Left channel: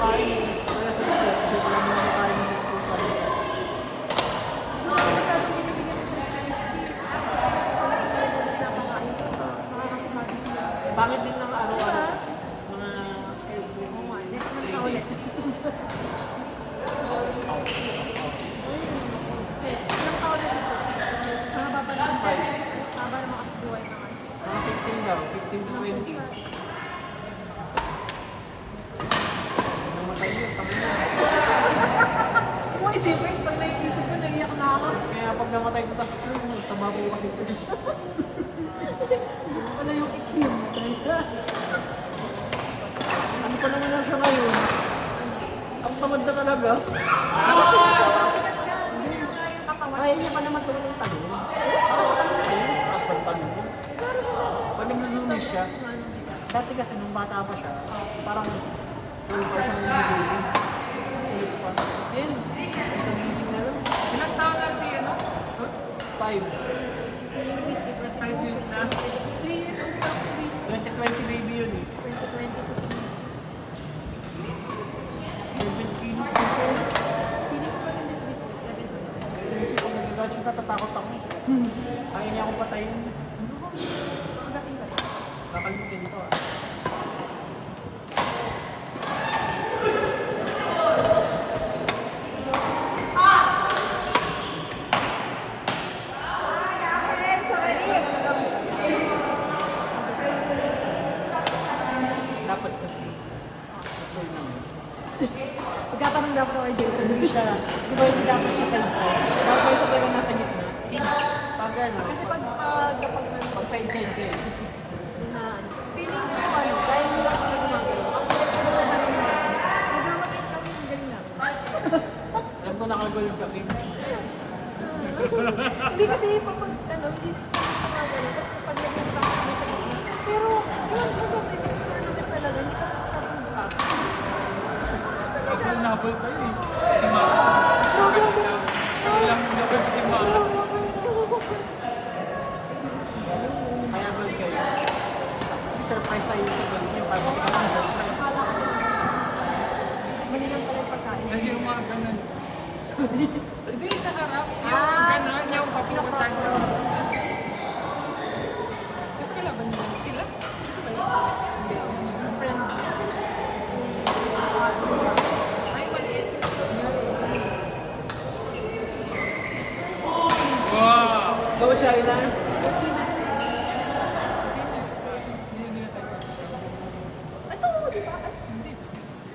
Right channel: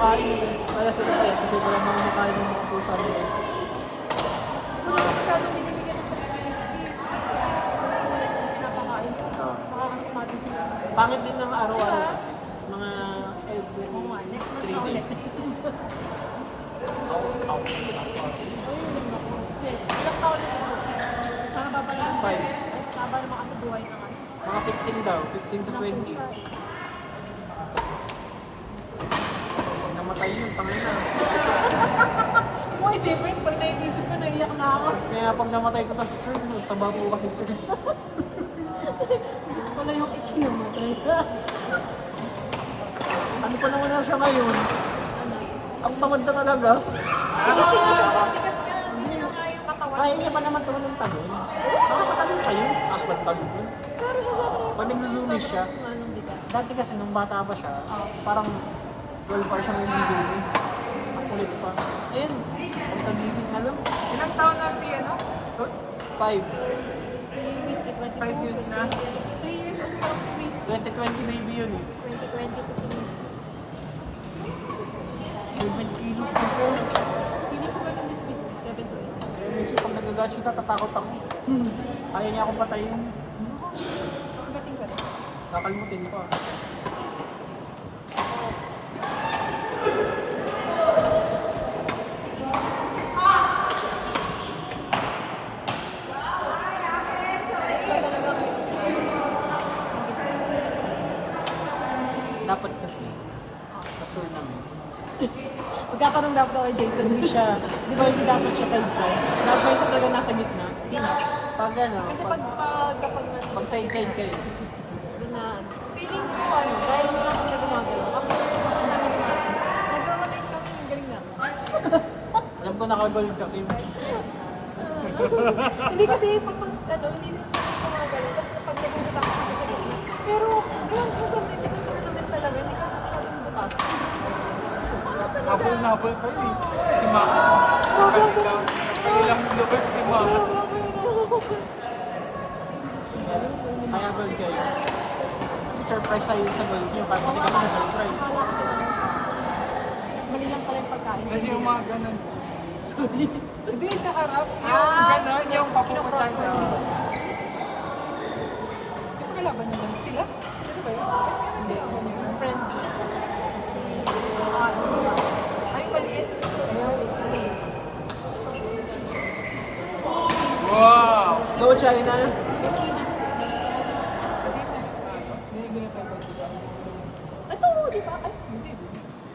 kumakain eh. Kaya sa dati, kasi walang mga kumakain ng mga pusa. Bakit din naman araw-araw? Mga 3 days. Mga 15 daw, 15 to 20. Namatay yun, pangina. Kung isipin, pag naisip ko, naiyak na ako. Kaya pag namatay ko tapos yun, tababo ko kasi yun. Gusto ko na yung ikinom. Ano pa naman na siya ngayon? Ang tamad na talaga. Kaya niya pa naman tulong yung tabi. Ayun, tapos pagtabi mo. Pag nagsusunis siya, dati kasi nung bata pa siya, parang 12 hours siya nagsusunis. Kulit pa. Ayun, pagkagising na lang. Ilang taon na si ano? 5. 5 years na. 3 years old na si Chris. 2020 baby yun eh. 2020 ko si Chris. 7 kilos na siya. Pili ko pa ng Chris. 7. Minsan pag nagagat siya, natatakot ako. Kaya niya akong patayin. Gating ka. Kakalmutin ko ah. Dapat kasi. Actual naman. Magkakaroon daw ko kay Jason. Hindi siya. Di ba yung dapat siya side-side? Dapat ba sa talaga nasa gitna? Pag ano, Kasi pag pag side-side kayo. na feeling ko kaya mo lang sa natin. Kasi naglalagay kami ng galing na. Alam ko nakagold ka, Kim. Hindi kasi pag ano, hindi na tapos pag nagkakita pero yung siyempre sa pagkakas talaga, hindi ka bukas. Habol na habol po eh. Si Mama. Alam mo na ba si Mama? Nakagold kayo. Surprise tayo sa gold niyo. Parang hindi ka surprise. Mali lang po yung pagkain. Kasi yung mga ganun. Hindi sa harap. Yung ganun, yung papinapatay mo. So, kailangan naman sila. Hindi. Friend. Ay, maliit. Wow! Go, China. Ito, di ba?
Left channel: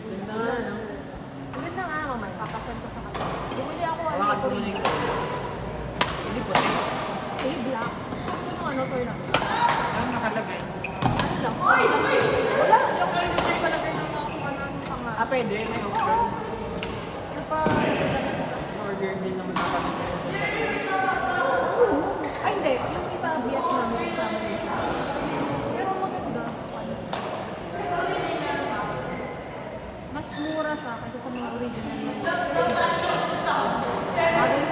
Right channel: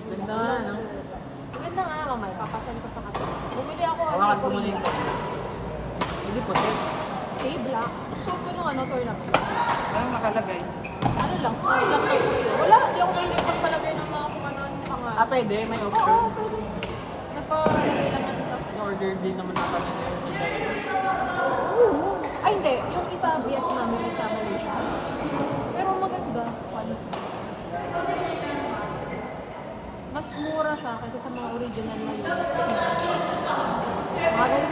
Ganda, no? Maganda nga mamaya. Papasan ko sa kanila. Bumili ako. Hawakan ko muna yung hindi po. Black. Suot ko nung ano, turn up. Ano nakalagay? Ano lang? Wala. Hindi ako isip talaga ng mga kung ano ang mga. Ah, pwede. May option. Nagpa-lagay na natin sa Order din naman ako ng Ay, hindi. Yung isa Vietnam, yung isa Malaysia. Pero maganda. Mas mura siya kasi sa mga original na yun. Mahal yung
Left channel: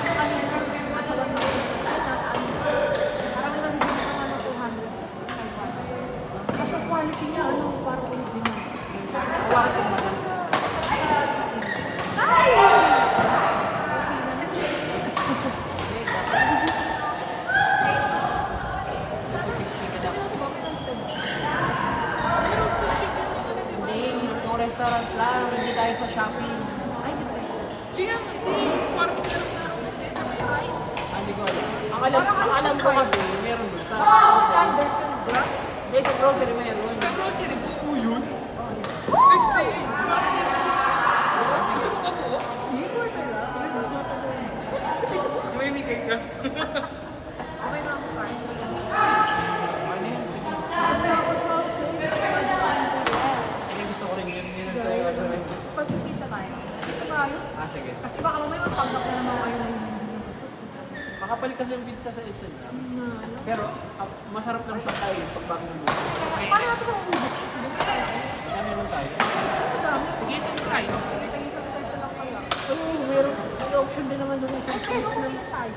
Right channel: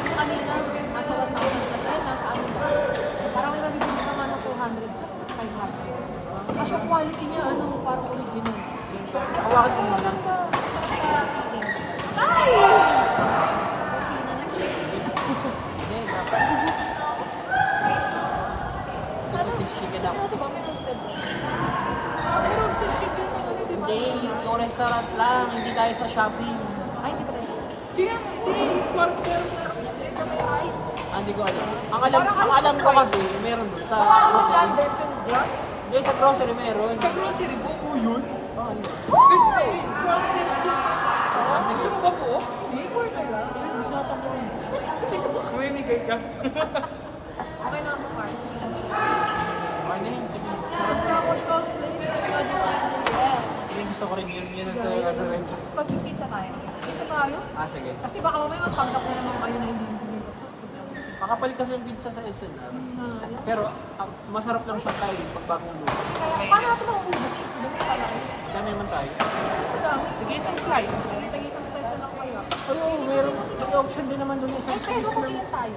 yung kanina, masarap yun. Ay, nasa ano. Parang nabibili ko na 200. Kasi yung quality niya, ano, parang original. Hawakan ko muna. Ito piece chicken ako. Hindi, yung restaurant lang. Hindi tayo sa shopping. Ay, di ba? Hindi ko alam. Ang alam ko kasi, meron doon sa Oh, grocery. standards yun. Hindi, sa grocery meron. Sa grocery po po yun? 50. Gusto mo ba po? Masarap yun. Sumimigay ka. Ano yun? Sige. Sige, gusto ko rin yun. Yun ang kaya. Pag yung pizza kaya, pizza tayo. Ah, sige. Kasi baka mamaya matambak na naman kayo na hindi gusto. Makapal kasi yung pizza sa SM. Pero masarap lang siya kayo pag bagong mo. Paano natin maubos? Ano naman tayo? Sige, isang slice. Nag-isang slice na lang kayo. Oo, meron. May option din naman doon sa Kaya size naman na. ilan tayo?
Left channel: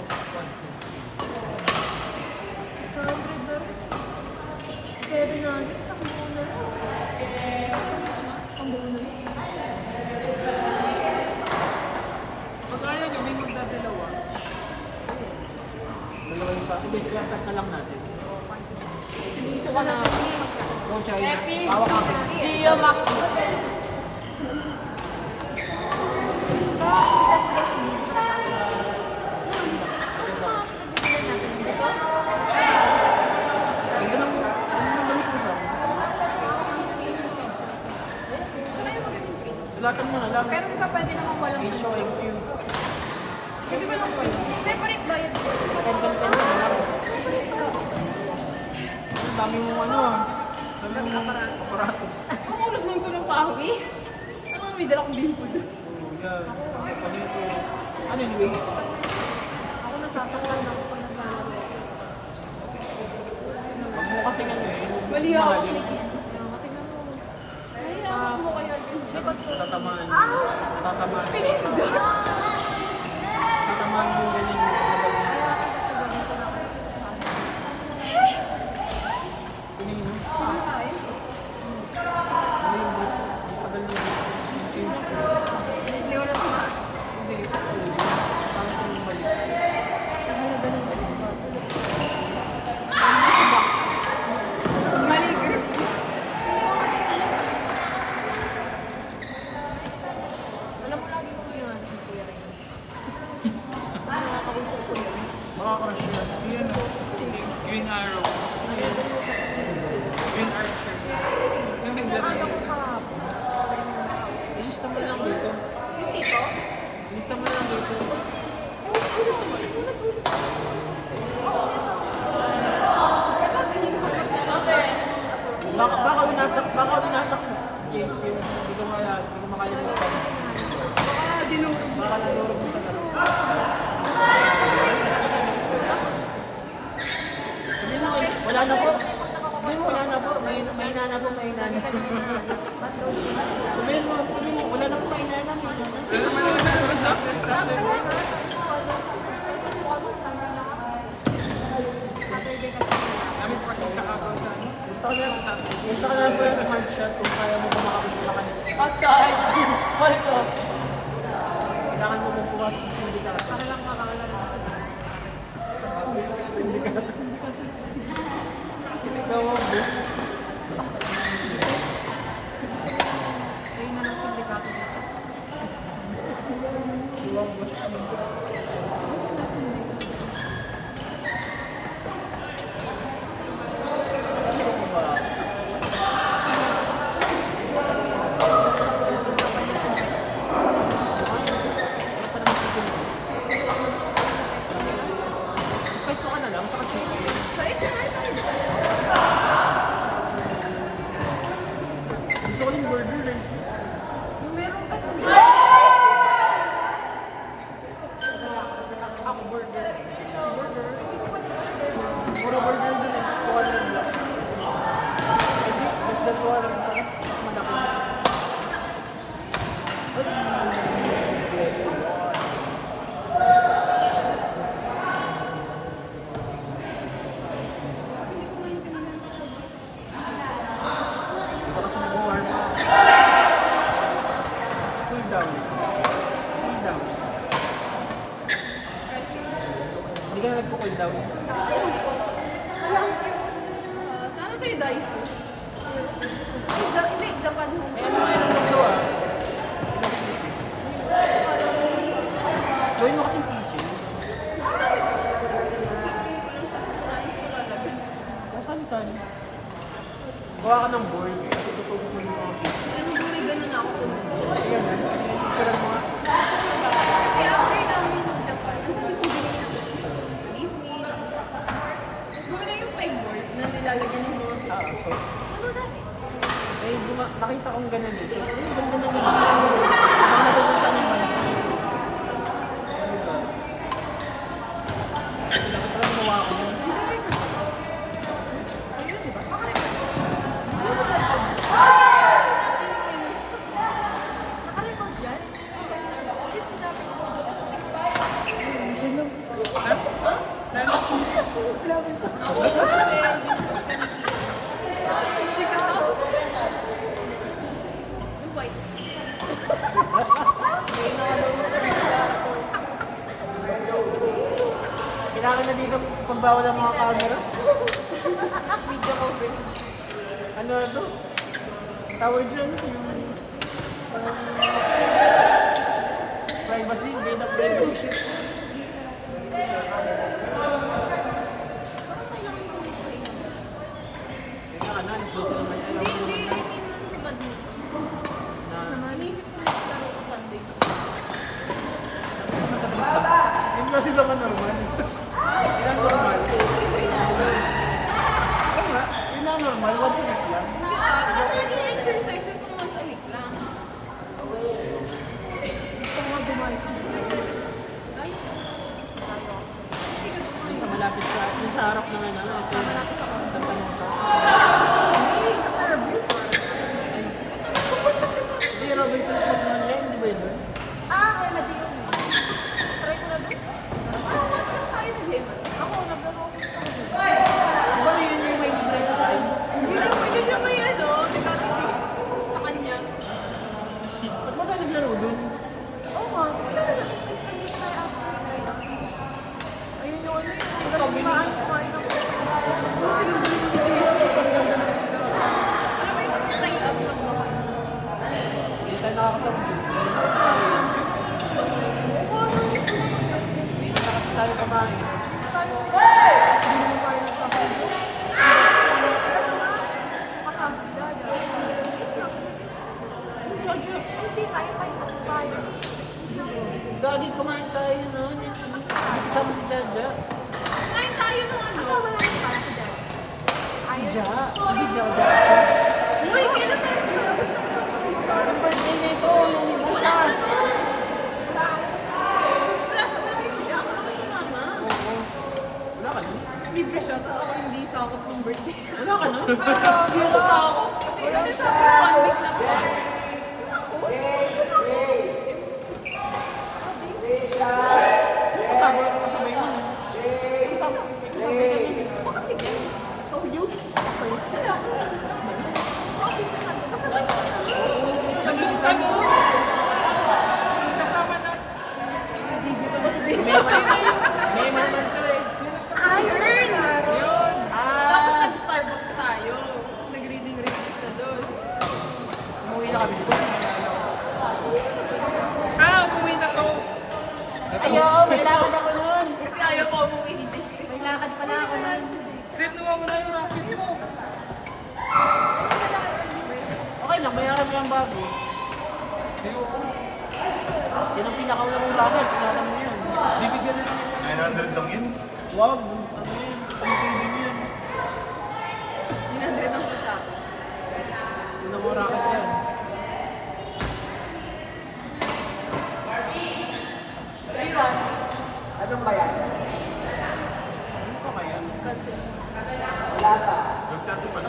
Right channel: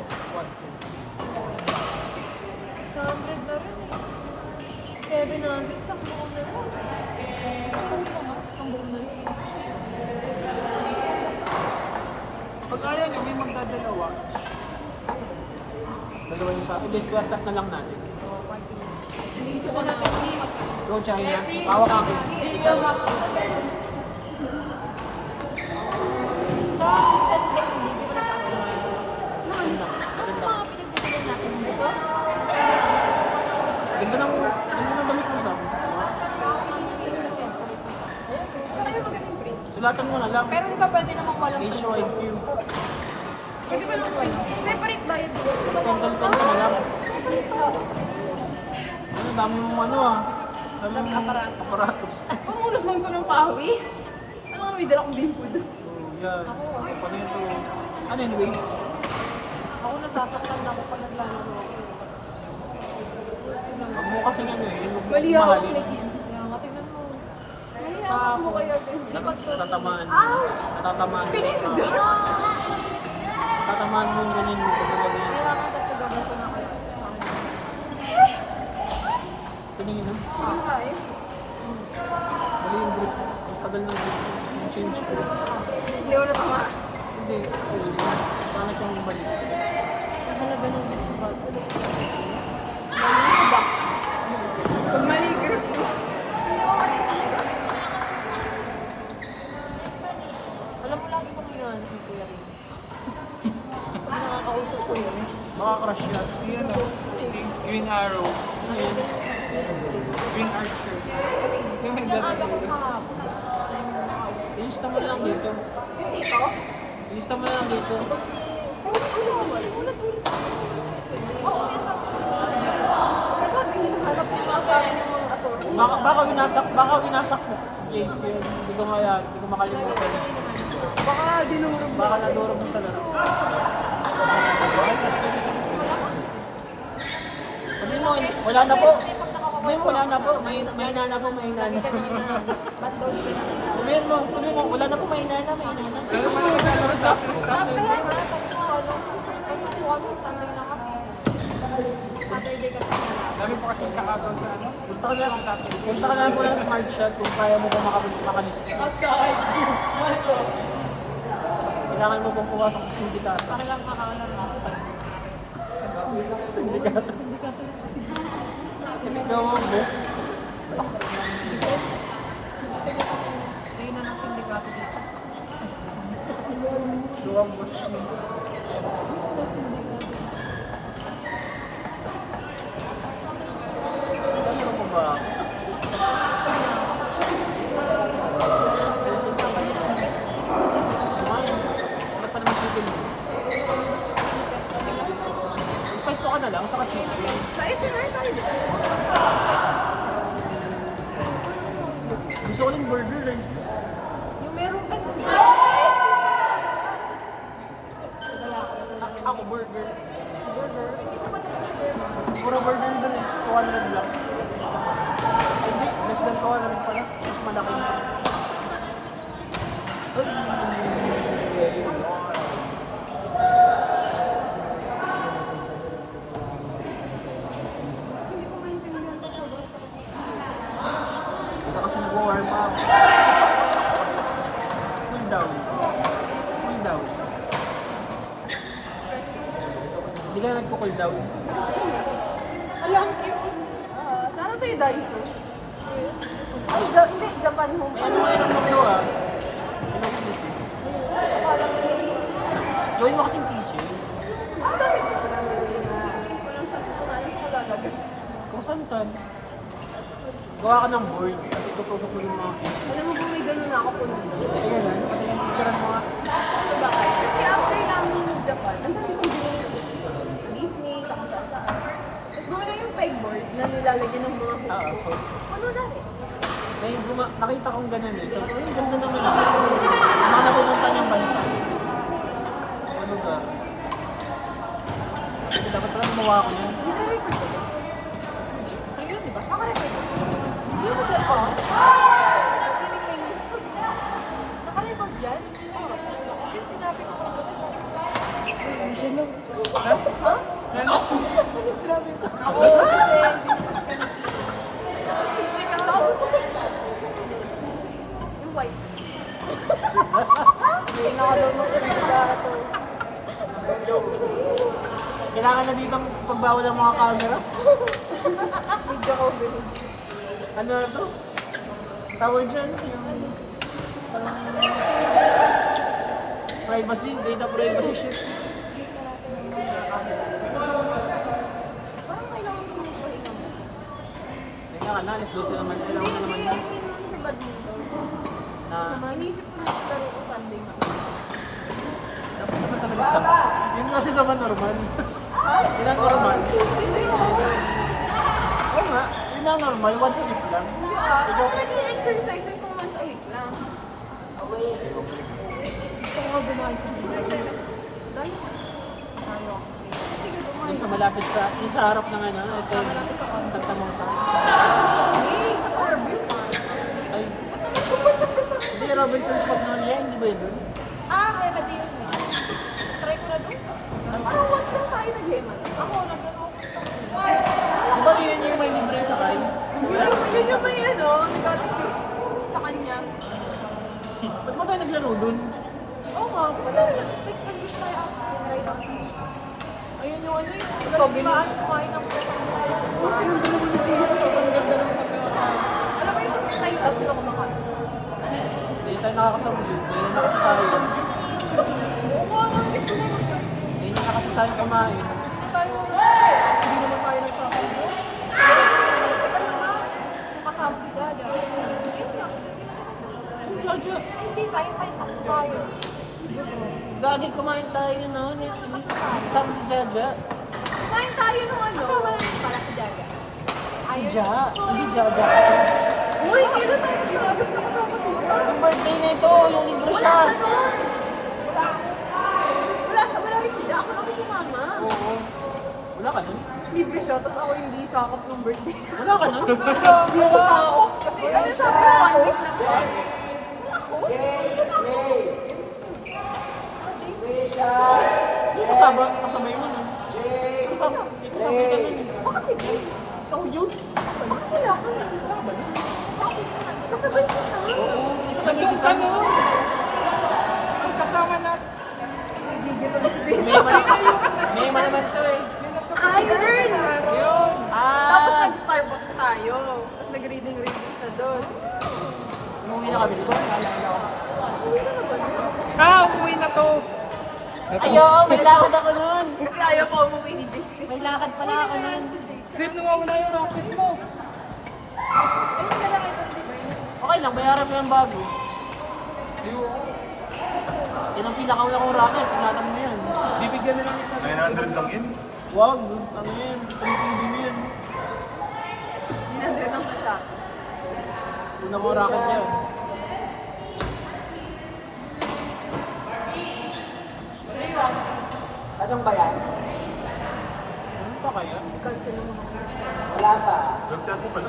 600 na rin. 700 sa mga Dalawa yung sa akin. Square cut na lang natin. Gusto ko na. Go, China. Hawak ako. Gio Maki. Ito? Ganda ng damit mo sabi. Saka yung magaling print. Sulatan mo na lang. Pero di ba pwede naman walang Ratio IQ. pwede ba lang print? Separate bayad mo. Pen ka na lang. Ang dami mong ano ah. Dami mong aparatos. Ang unos lang ito ng pawis. Ano nga may dala kong bimpo doon? Oh, yan. Kapag ito. Ano yun, wait? Ako nagsasak lang ako pag naglalaro. Huwag mo kasing ano eh. yung Mali ako mahalin. kinikip. Matignan mo. Mahirapan mo kayo din. Lipat ko. Tatamaan. Tatamaan. Pinindot. Tatamaan mo yung ganyan yung pagkabali. Kailangan ko ito gawin ko na. Pinili mo. Hindi mo kaya. Mali yung group. Ang tagal na yung change ko. Hindi ko na tama. Hindi. Pangit yung balik. Hindi na ganun sa iba. Mali sa back. Pag mali grip. Hindi ko matitin. Wala mo lagi ko yun. Si Kuya Rin. Nakausap ko yun. Makakrush yan. Yun, si Green Arrow. Ano yan? Green Archer. Yung Kasi ang naglalaro. anak ko mga. Ilista mo lang dito. Yung tito? Ilista mo lang dito. Baka winasak mo. Yes, yun. Hindi ko kaya, hindi ko makalimutan. Baka dinurog mo. Baka nadurog mo sa laro. Sabihin mo, wala na po. Sabihin mo, wala na po. May na po, may na. Sabihin mo, wala na po, may na. Dami po kasi kakagaw sa ano. Punta ka lang po yung smart shot kung kaya mo ba makalis. Outside. Marco. Kailangan mo bang pumasok sa sindikato? Ikaw ang boss. Ikaw ang boss. Ano mo ba? Ano pa naman chicken mo? Peso ka na lang sa chicken. Sa SNR tayo. Gusto ko yung burger eh. Yung meron din. Ako burger. Puro burger dun eh. 200 lang. Less than 200 pa. Mas malaki. Hindi ko maintindihan ko sobrang sakit. Ito kasi mag-warm up. Cool down. Cool down. Hindi ka nagpo-cool down. Walang sana tayo Daiso? Ay, hindi. Japan home. Ano nga yung mo ah? Gawin mo kasing teaching. Ang dami kasi. Walang sa kunain sa gagawin. Kung saan-saan. Gawa ka ng board. Kasi tutusok mo yung mga Alam mo ba may ganun na ako puno? Ay, ganun. Picture ang mga... Sa bagay. Kasi after namin ng Japan, ang dami kong binili sa Disney, sa kung saan. Tapos mga yung pegboard na nilalagyan ng mga okay. puno dami. Ay, nakita kong ganun eh. So, ay, ganda naman. Mga napupunta ng bansa. Ano ba? Dapat pala gumawa ko yun. Nire-record ko ba? Ayun, di ba? Maka-record ko. Hindi mo sa pa. Hindi ko yung news. Maka-record yan. Yun sinabi ko. Ha? Ano sinabi ko? Ako kasi. Hindi ka tao. Yung white. Hindi nakadulog sa mga ko. Kailangan na dito pagbawal ng mga camera? Video coverage. Ano na to? Tawag dyan, yung parang privacy, data privacy shit. Parang kailangan ko magpahinga mo. Kailangan na, alas 12 naman. Hindi, Kailangan hindi. mo Hindi naman sa badminton. na Inisip ko na laro ko Sunday. yun kasi sa normal. Yun ang normal. Oo nga, yun ang normal, once a week lang. Hindi ako nag-exercise kung once a week lang. Gusto mo dumalis mo. Dahil hindi ka Yung dumalis. sa malapit sa, yung sa harap ng ano, sa pamangsa. Ay, si Robinson's Magnolia, hindi ba yun? Parang once lang tayo nag-lemon. Ang bali yun yung may libre sa tayo. Yun yung may ano, sa kanya. Ba't ba tayo naglaro dun? Oo nga, wala rin ang sticks in it. Right up. Ayun yung ano yun. So, binigyan ko kayo ng alam mo yung slide out sila kumakain. Hindi tayo nakakasabjit. Hindi nakasabjit. Hindi nakasabjit kumain. Jojo, Hindi tayo tayo. gagi kumain tayo noon. Kasama si Jaja. Kain tayo ng ano? Si Ja. Hindi Jaja. Uy, kailan tayo kasama si Yung birthday na ito, yung libre Wala siya. siya doon. Wala siya, wala rin si Jack. Ako si Mama. Wala ka nun? Mas libre siya, tapos ako hindi sakop ng birthday. Wala ka nun? Hindi ako sakop. Kasi ano sabi ko, 1 week lang siya. Sino kasabay mo nun? Kasabay ka nun. Ako sige. Ikaw yun. Wala ko. Kasabay ko na. Kasabay si Sano. Kasama na. Nagigil kami si Jason. May naman to eh. Hi, Earn! Yun. Tapos nag-Starbucks tayo. Tapos nag-reading siya doon. Umuwi na kami dito. Uwi na ba doon? Uwi na to. Ayaw, may lakad ako nun. Kasi ayaw ko umuwi ni JC. May lakad pala ako nun. Sino mo na yung rapid mo? Okay lang, bayaran ko lang bago. Yan ang pinakauna kong racket, tinatam niyo yun. Bibigyan na lang. 900 lang yun. Wag, ano yun, pang-tubing yun. 900 lang siya. Yun ang racket yun. Anong bayan? Ano pa kaya? Cancel mo. Nagtato pa na.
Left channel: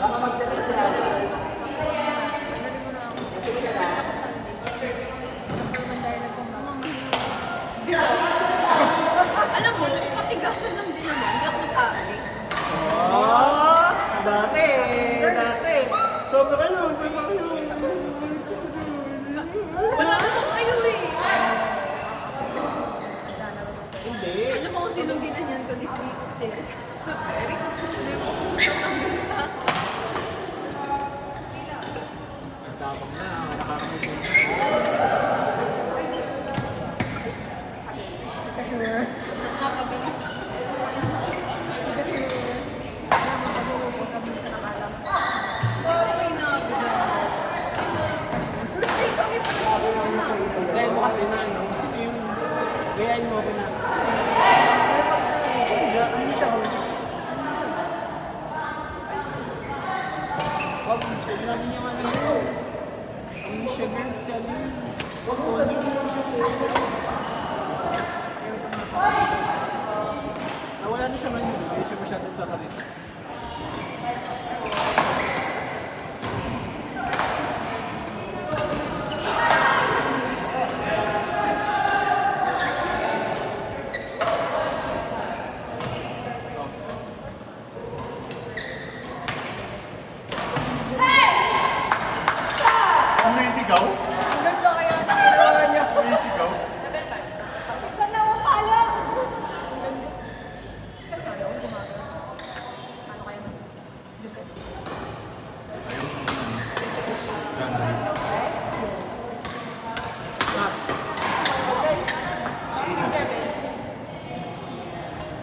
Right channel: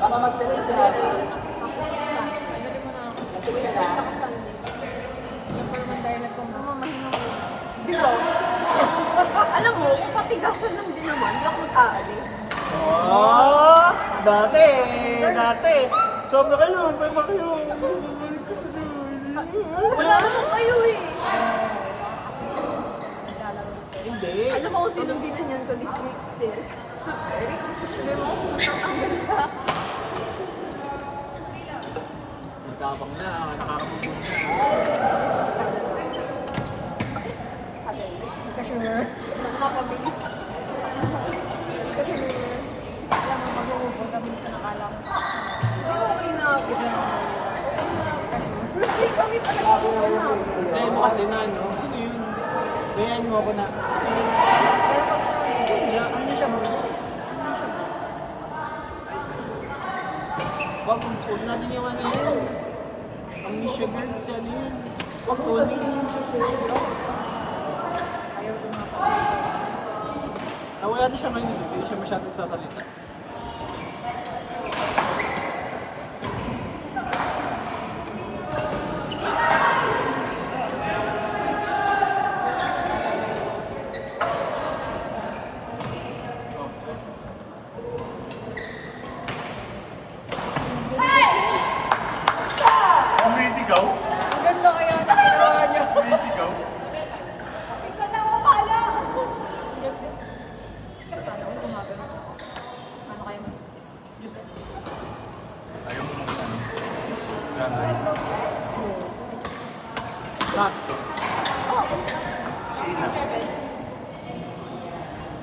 Di ba? Alam mo, patigasan lang din naman. Hindi ako nag-aalis. Oh, dati. Sobra kayo. Wala naman kayo eh. Hindi. Alam mo kung sinong dinanyan ko this week? Si Eric. Sabi mo, ang ganda. Nagkakapang na, nakakamutin. Napabilis. Okay na. Hindi kami pa na. Dahil mo kasi na, sino yun? Gayahin mo ako na. Ano siya? Wag natin yung ano yun. Ang siya din, si ano yun. Wag mo sabihin yung kasi. Wala din siya man yun. Hindi siya masyadong sasalita. Umisigaw? Umisigaw? Mak, Sheena.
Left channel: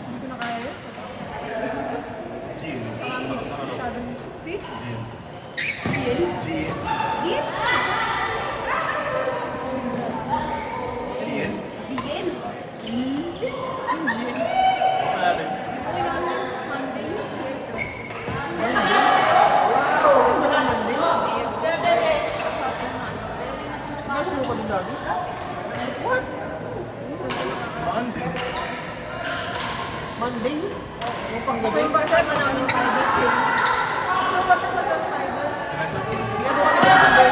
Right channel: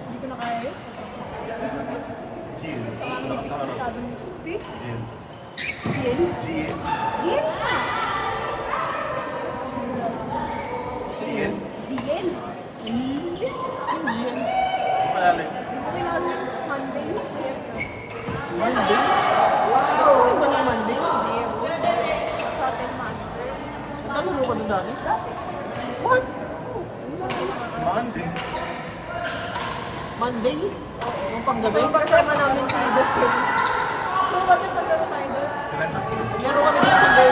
Hindi ko na kaya. Jean. Nakasarap. Si? Jean. Jill? Jean. Jill? Jean. Jill? Pare. Hindi mo kinakalim sa Monday. Monday? Ano ba ng Monday? Sa atin master. Nalaro ka din dami? What? Monday. Monday? Yung panggabi? Kasama namin si Justin. Laro kami ng Monday.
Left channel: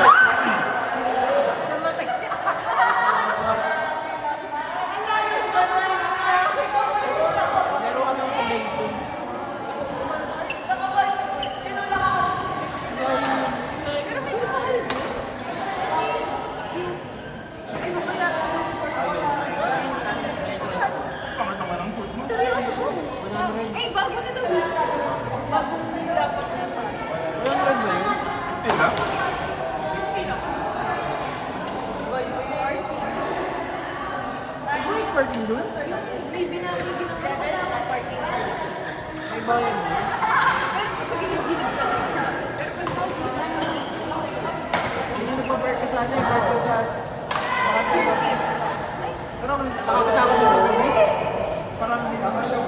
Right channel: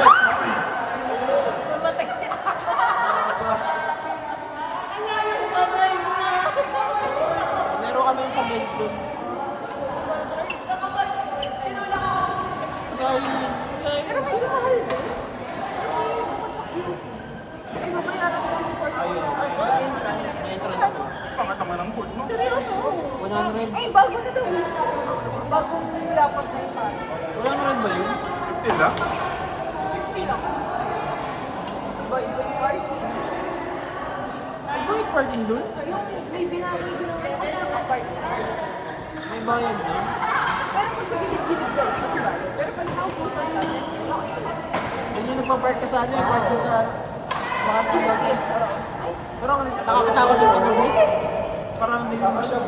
Laro kami sa baseball. Pero may sumahal doon. Kasi bukod sa Q. Ay, mabayaran ko ng Pangatama ng court mo. Seryoso? Wala na rin. Ay, bago na doon. Bagong lapat ng party. Wala na rin ba yun? 15 lang. Bye-bye party. May parking doon? Yung may binang party. May bayan doon? Pero pag sa gilid-gilid lang. Pero pag sa upusan, Hindi nagpa-park ka sa akin. Park ka sa... Parang sa lagi. Pero ako nagtatawag yung pag-gabi. Parang hindi naman siya.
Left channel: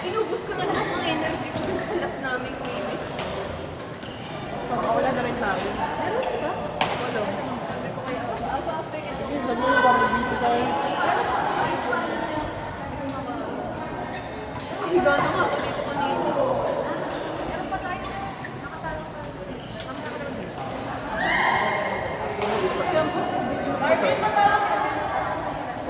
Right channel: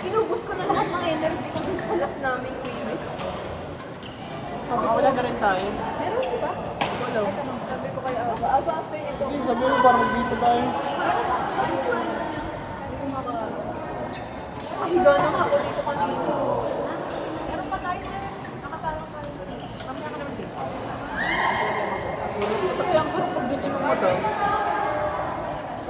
inubos ko na lahat ng energy ko dun sa last naming limit. Wala na rin tayo. Ano? Sabi ko kayo, after ito, Yung sabi mo parang busy tayo. Higa na nga ako dito kanina.